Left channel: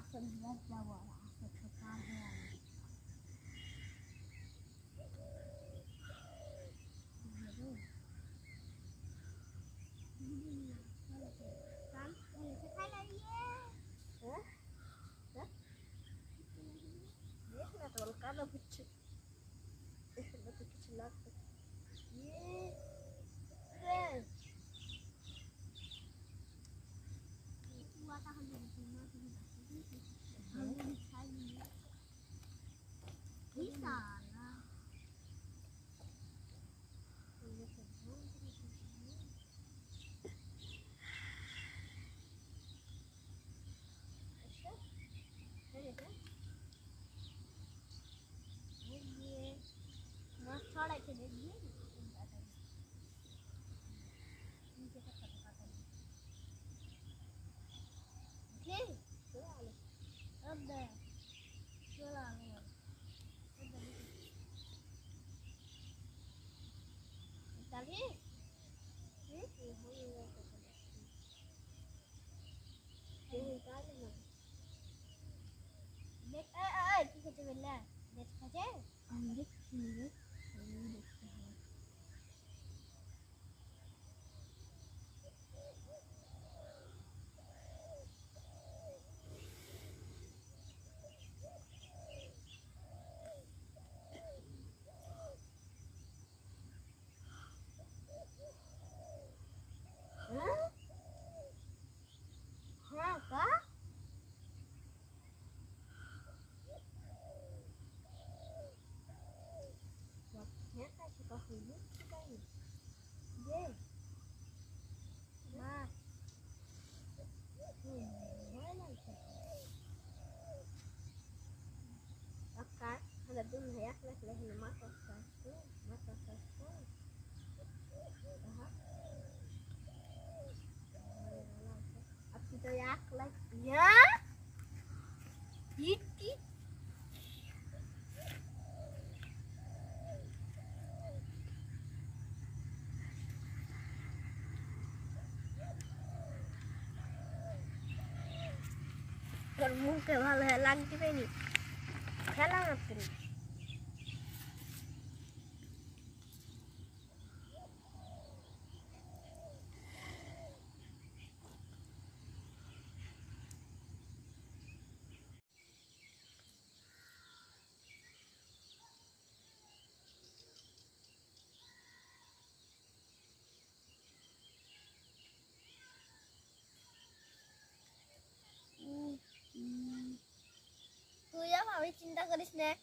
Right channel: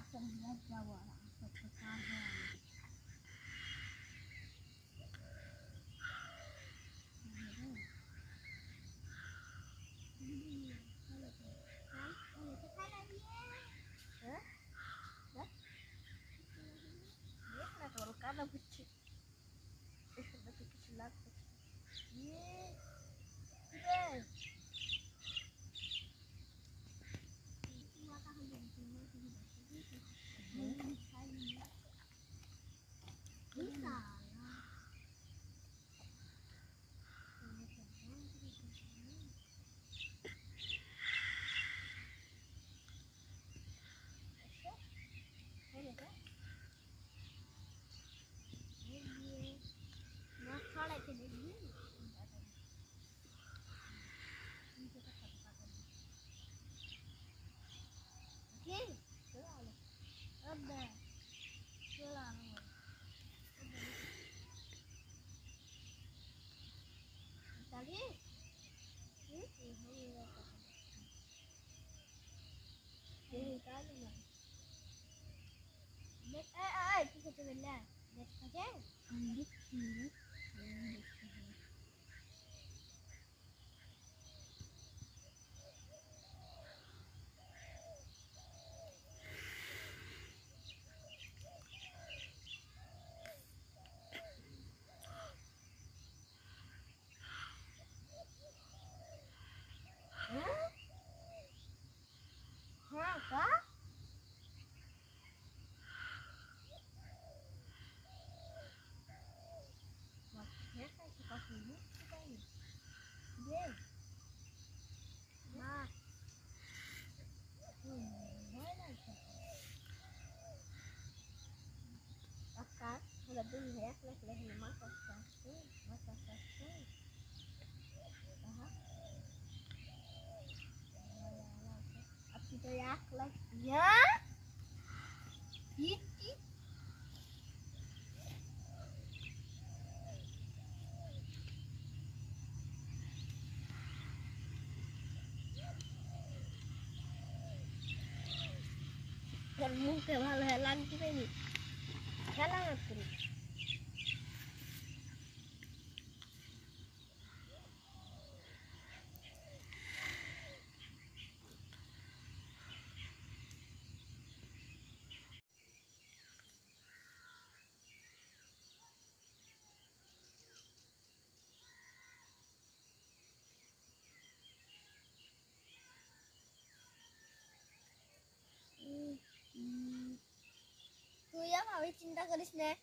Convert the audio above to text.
asal dia Jawa, asal Pekarangan. Kalau kada buci, lebih kecil lagi. Ye, deh. Wata kalau cuma tidak sih, belum saya. Bisa lah. Thought I could do it. Okay. Ada. Selalu. Tadi. Kita coba. Dekat aja. Ambil sini. Apa? Waktunya kayak suka sini, suka ini. Deh. Nah. Mana itu? Oke, ada dulu ya, leh masak satu. Kita ya, ya. Iti. Dan mungkin hal-hal kita ini, salah apa ini? तू या भावी चिंता करीस ने